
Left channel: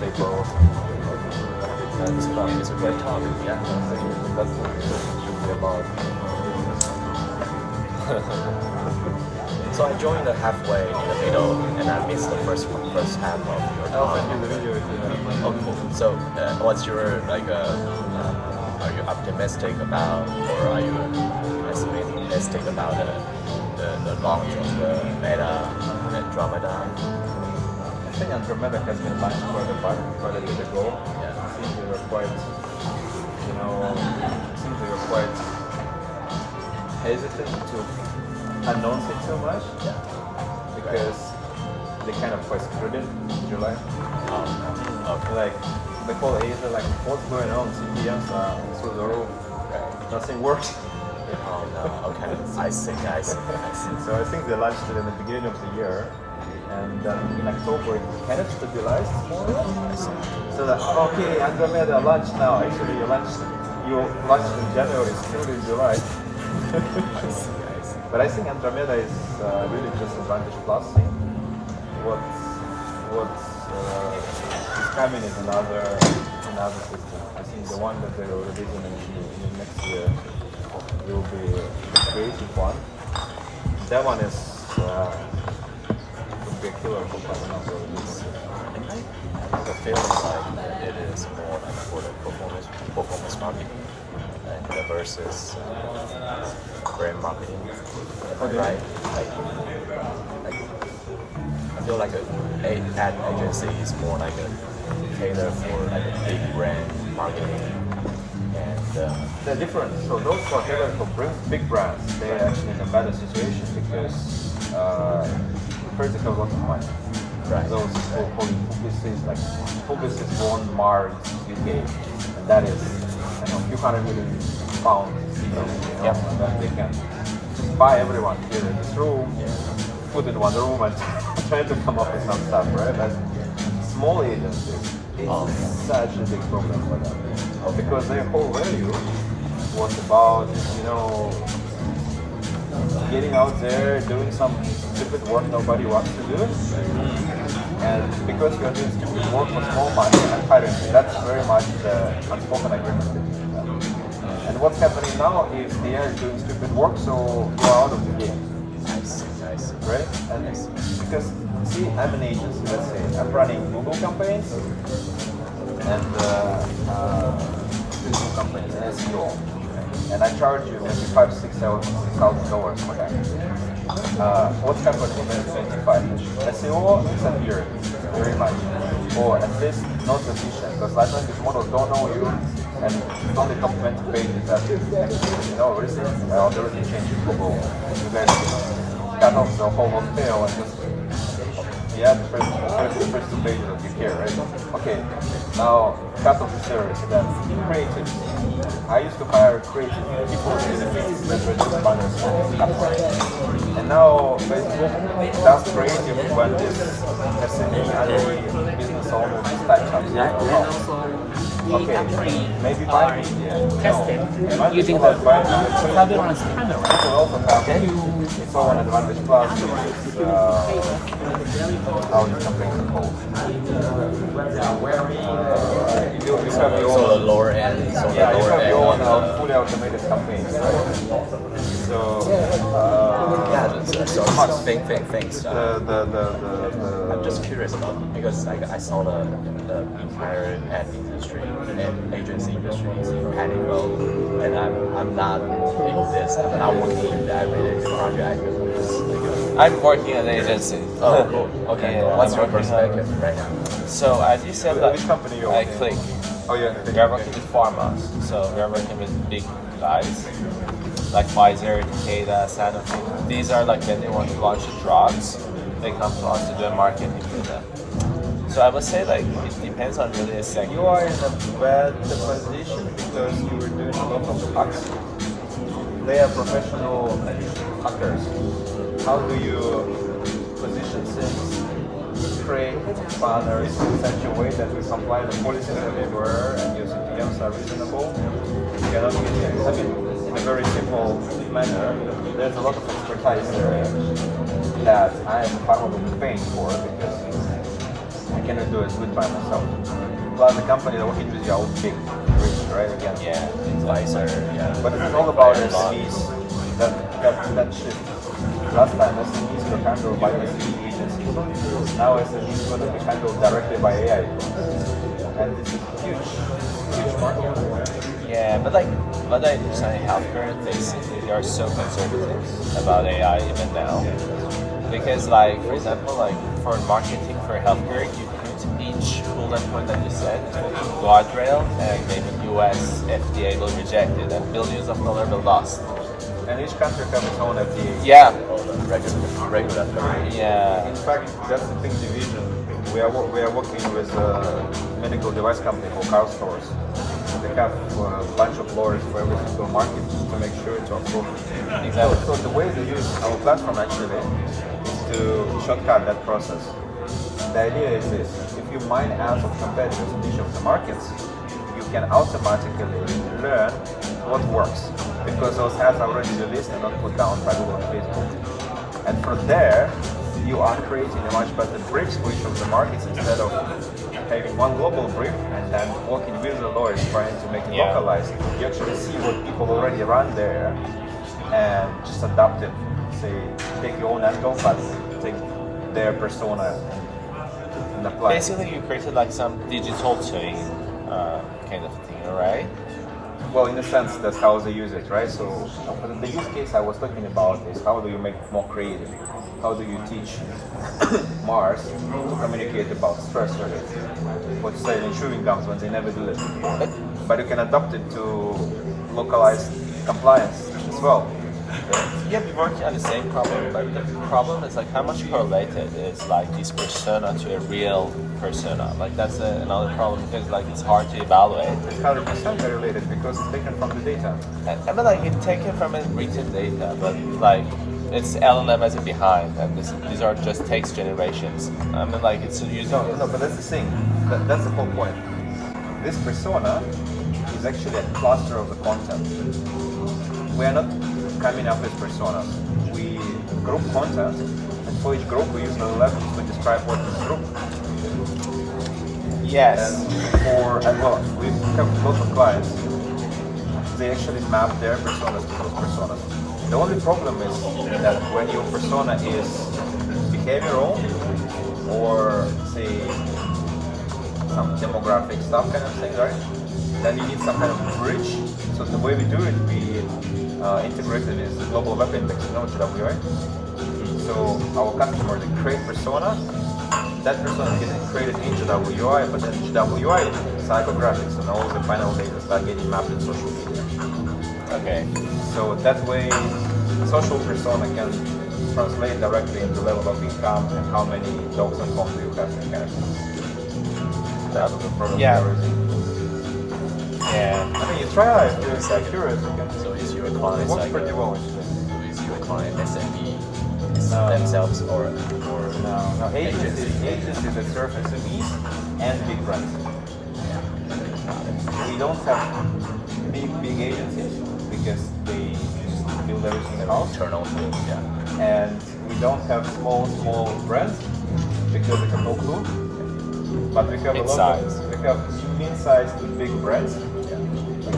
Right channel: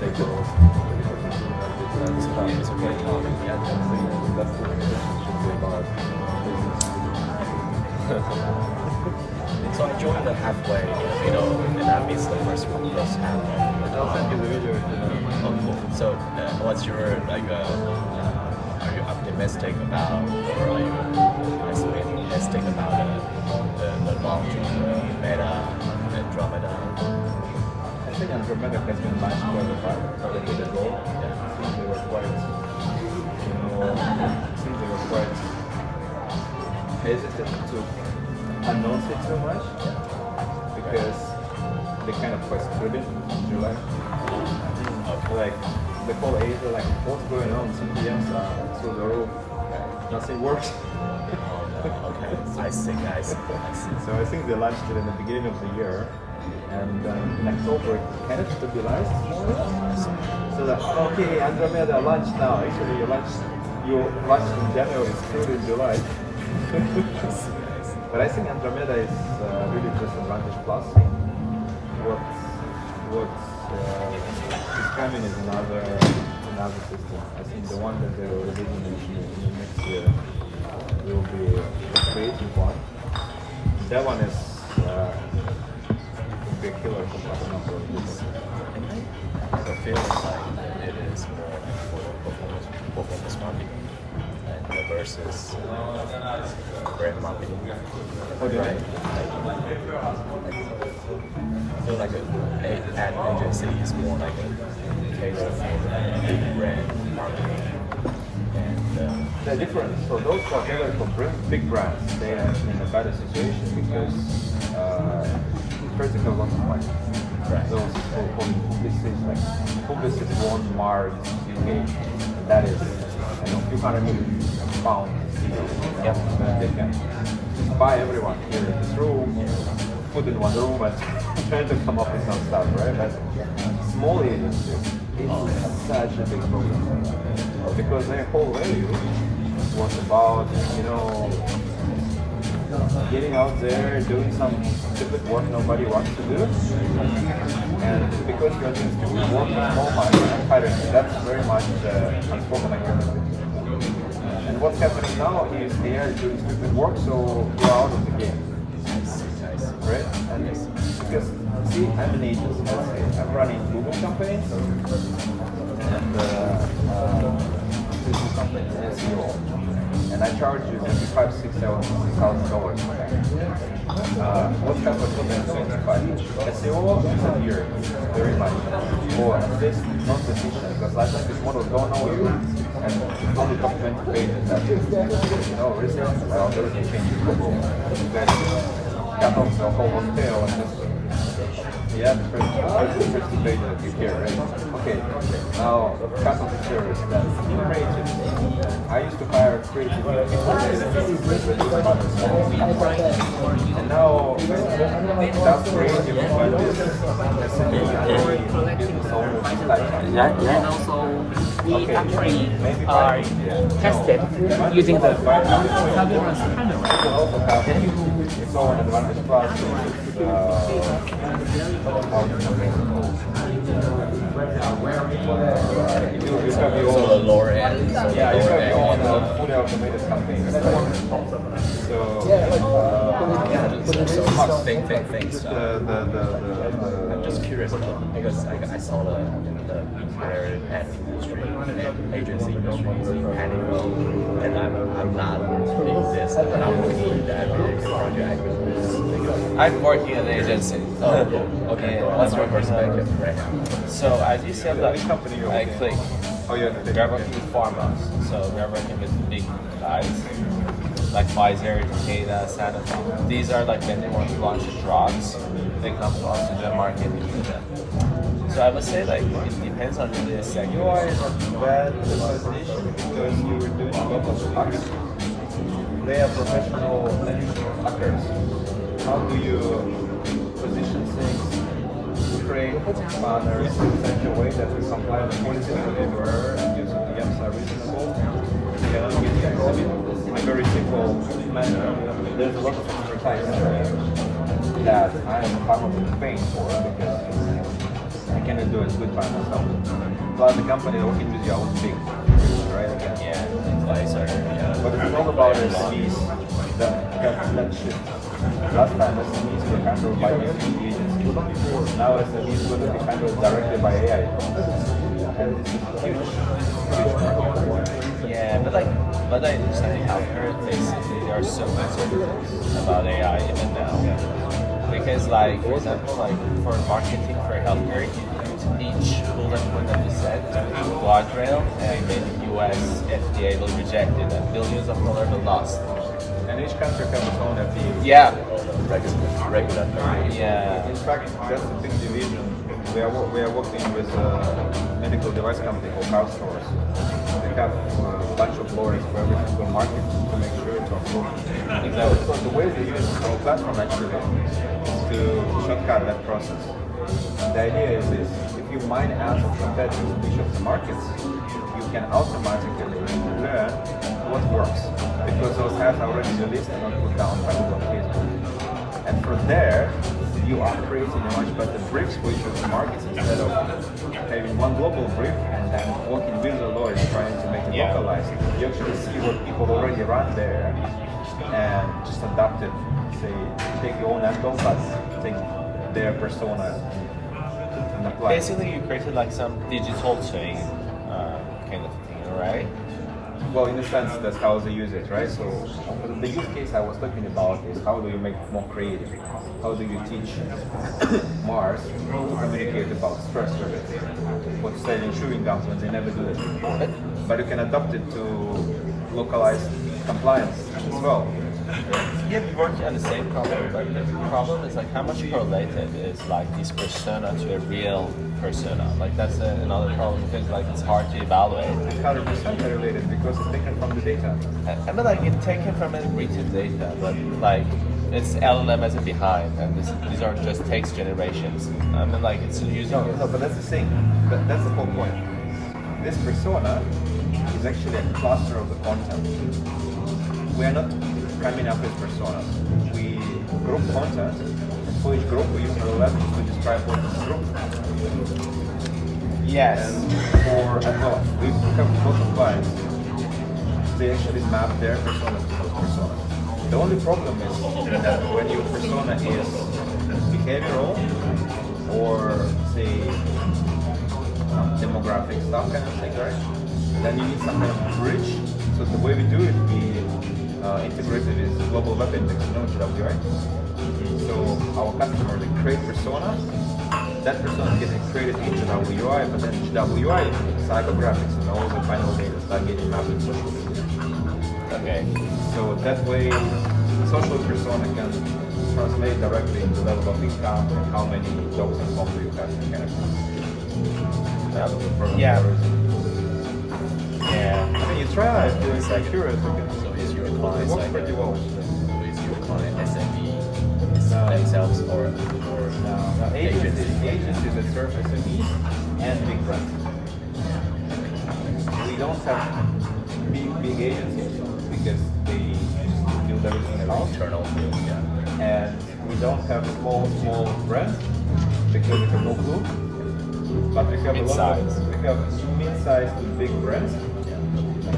they go. It's a great topic. Yeah. That's the should be about. So I joined the halfway in the middle, and I missed the first half of your I'll talk. send you the video if you know. Oh, cool. So, what's your are you optimistic about, or are you pessimistic about the launch of the Meta Andromeda? I think Andromeda has been launched quite a bit ago. Yeah. It seems they were quite, hesitant to announce it so much, because they kind of quite screwed it in July. Like the whole Asia, like what's going on? CPMs are through the roof. Nothing works. Okay, I see. So I think they launched it in the beginning of the year, and in October it kind of stabilized more or less. So that, okay, Andromeda launched now. Actually, you launched in January, still in July. I see. But I think Andromeda is really just Advantage Plus. What's coming is another system. I think the one that they will release in next year will be the creative one. That one is would be a killer compared to number of businesses. I have a feeling like it is more like for the performance marketing and versus brand marketing. Right? I feel like an ad agency is more like a cater for like a big brand marketing. And They're different. So those who are tailored for big brands, they're actually in a better situation because first they have lots of money. Right. Those who publicists like publicists won Mars UK, and that is a few hundred million pounds. And they can just buy everyone here in this room, put in one room, and try to come up with some stuff, right? But small agencies is such a big problem for them because their whole value was about getting out there, doing some stupid work nobody wants to do, and because you're doing stupid work for small money and hiring, that's very much the unspoken agreement between them. And what's happening now is they are doing stupid work, so you're out of the game. Nice. Right? And because, see, I'm an agency, let's say, I'm running Google campaigns and Google companies, SEO, and I charge you maybe $5,000-$6,000 for that. What's happening in 2025? SEO is a year, very much, or at least not sufficient, because large language models don't know you, and it's only top 20 pages that recently there was a change in Google. You guys cut off the whole long tail and just the first 2 pages that you hear, right? Okay, now cut off the service, that's creative. I used to hire creative people that were doing others, and now Facebook does creative when this SME business owner just types up. Okay, maybe buy me. Using the Google also have its own Advantage Plus, which is how the campaigns are called. You have your so the own, lower end. you have your own fully automated campaigns. So Thanks. I'm just curious about because I saw the entire ad industry and agency industry is heading low, and I'm not in this. I'm not working in that market. I'm working at an agency. Oh, cool. Okay. Yeah, What's your I'm working perspective right now? So as you said, Which company you're I working? Click. Oh yeah, They're working with pharmas, so they're working with big guys like Pfizer, Takeda, Sanofi. These are like when they want to launch drugs, they come to us to do a marketing for them. So I would say like it depends on really the sector. You are in a bad position because you were doing a lot of hacks. They are professional hackers. How do you position things, frame banners in such a way that we comply with policies everywhere and your CPMs are reasonable? You cannot get in. I mean, in a very simple manner, there's a lot of expertise that I as a farmer will be paying for because I cannot do it good by myself. Plus the company that working with you are all big, right? Again. Yeah, advisor. Yeah. But it's all about SMEs. That shift. Last time SMEs were handled by SME agencies. Now SMEs are going to be handled directly by AI agencies. And this is huge market. Yeah, but I have heard this. They are so conservative about AI even now, because like for example, like for marketing for healthcare, each bullet point that you said is a guardrail, and maybe US FDA will reject it, and billions of dollars are lost. And each country has its own FDA. Yeah, Regulatory. yeah. In fact, that's the thing division We are working with a medical device company called Car Stores. They have a bunch of lawyers for every single market to make sure it's approved. So the way we use our platform actually is to shortcut that process. And the idea is this: if you mine ads of competitors in each of the markets, you can automatically learn what works, because those ads are already released and not put down by Google and Facebook. And from there, you are creating a much better briefs for each of the markets, instead of having one global brief and then working with the lawyers trying to make it localized. You actually see what people already run there and just adapt it. Say, take your own angle, but take their persona and apply. Basically, you created like some digital twin kind of thing, right? Well, in a sense, that's how they use it, right? So the use case I was talking about is how do you make it more creative? How do you teach Mars to communicate about stress levels? For say in chewing gums when they never do that before. But you can adapt it to localized compliance as well. Yeah, we work on the same problem, but the problem is like how much correlated is like this persona to a real persona. Like that's another problem, because like it's hard to evaluate. It's 100% correlated because it's taken from the data. I mean, like it's taken from a written data, but like it's LLM as a behind, and these are just text generations. I mean, like it's using. No, but that's the thing. That's the whole point. This persona is actually a cluster of the content. We are not coming up with personas. We group content, and for each group we use LLMs to describe what is group. Yes. And we have lots of clients. They actually map their personas to those personas. The only problem is that when your persona is behavioral or say some demographic stuff kind of thing, right? Then you need some kind of bridge. So the way we do it, we integrated is the global web index, GWI. So our customer, they create persona. That persona is getting created in GWI, but then GWI psychographics and all the final data start getting mapped in social media. Okay. So that way, social persona can translate directly into level of income and how many dogs and homes do you have, kind of things. That's the problem. Yeah. I mean, you try it if you're curious. So is your client It works like pretty well. is your client SME themselves or No, agencies that serve SMEs and big brands. We don't have big agencies because they build everything in-house. internal thing? Yeah. And we don't have small brands because we have no clue. But we have we have mid-sized to big brands.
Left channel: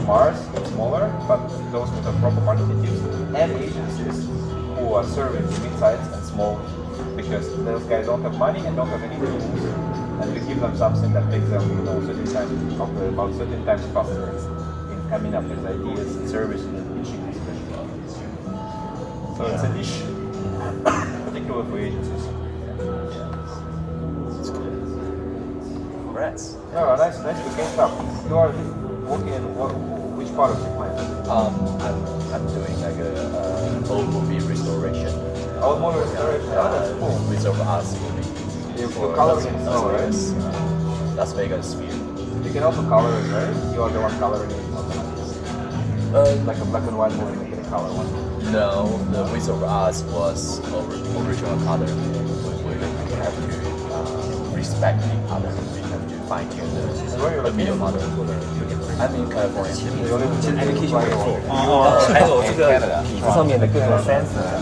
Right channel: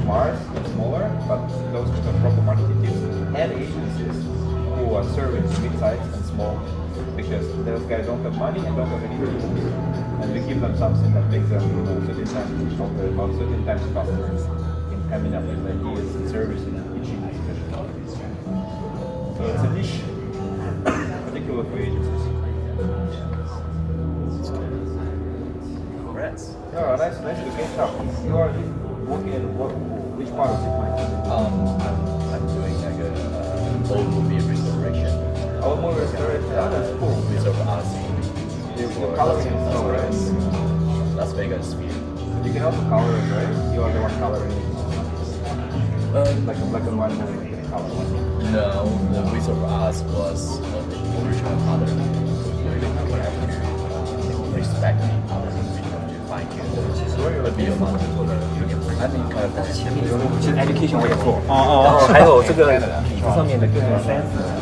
Mars is smaller, but those with a proper marketing teams, and agencies who are serving mid-sized and small, because those guys don't have money and don't have any tools, and we give them something that makes them, certain times faster in coming up with ideas and services and pitching. So it's a niche, particularly for agencies. Congrats. No, nice to catch up. You are working in which part of DeepMind? I'm doing like a old movie restoration. Old movie restoration. Oh, that's cool. Reserve arts. You're coloring it now, right? Las Vegas. You can also color it, right? You are the one coloring it. Like a black and white movie, you can color one. No, the Wizard of Oz was original color. We have to respect the color. We have to fine tune the Where are you video located? model. I'm in California. 有 还有这个椅子上面的各个 sensor。